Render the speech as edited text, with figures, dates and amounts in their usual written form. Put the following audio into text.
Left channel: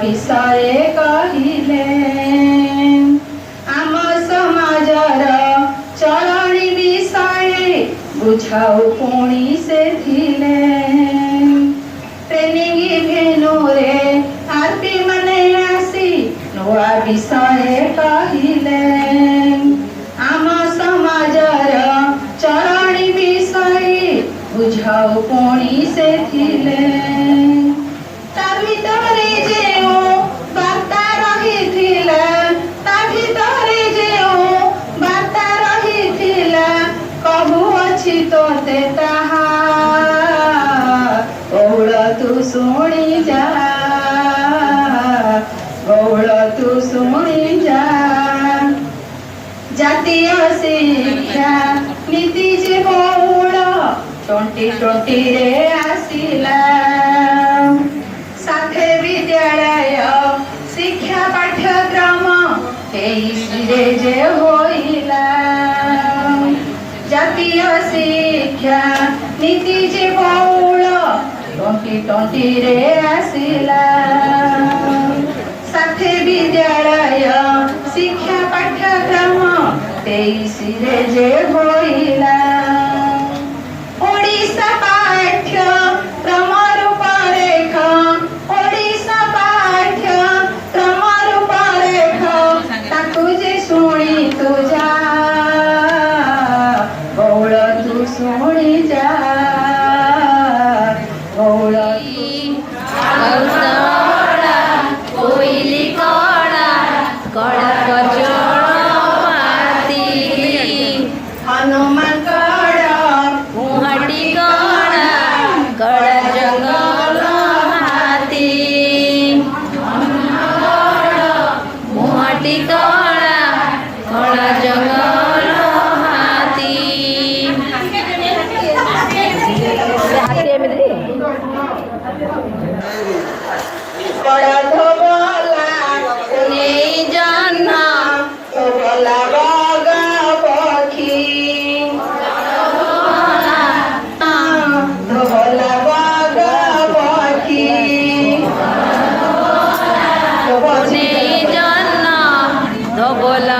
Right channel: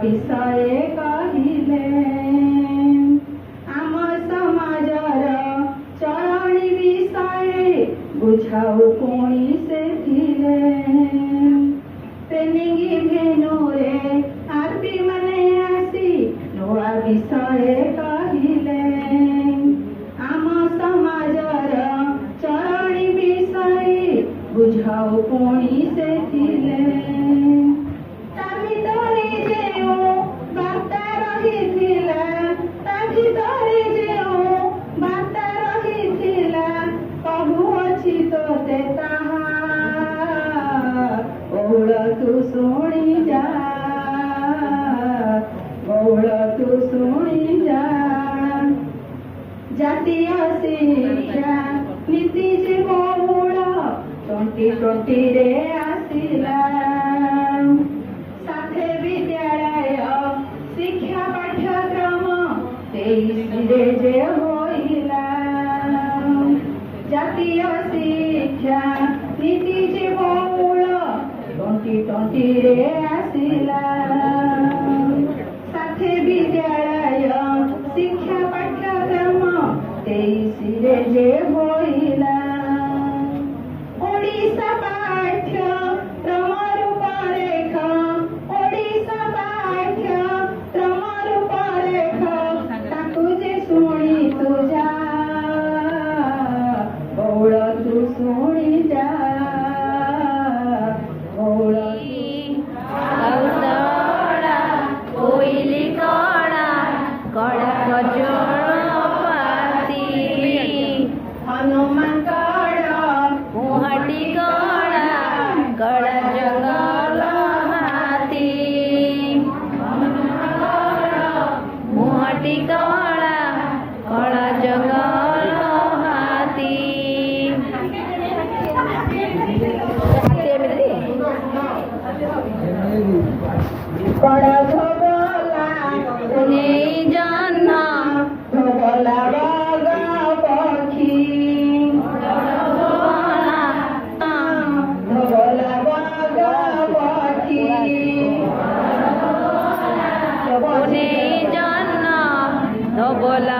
विषय कहिले आम समाजर चलनी विषय बुझाऊ पुणी से थिले ट्रेनिंग भेनुरे आरपी मने आसी नुआ विषय कहिले आम समाजर चलनी विषय बुझाऊ पुणी से थिले तू सुनी जा गौड़ तू सुनी जा जातीय शिक्षा नीति जे गौड़ 2020 रे आसिला साथे विद्यालय शिक्षा पाठ्यक्रम 23 रे जे होइला जातीय शिक्षा नीति जे गौड़ 2020 रे आसिला साथे विद्यालय शिक्षा पाठ्यक्रम 23 रे जे होइला ओडिशा पाठ्यक्रम रूपरेख ओडिशा पाठ्यक्रम रूपरेख ताकू जे सुनी तू जा गौड़ तू सुनी जा हनुमान कड़ा मुहटी कड़ा कड़ा जंगल हाथी मुहटी कड़ा कड़ा जंगल हाथी कड़ा धोबला उन्हें जन्ना धोबला बोला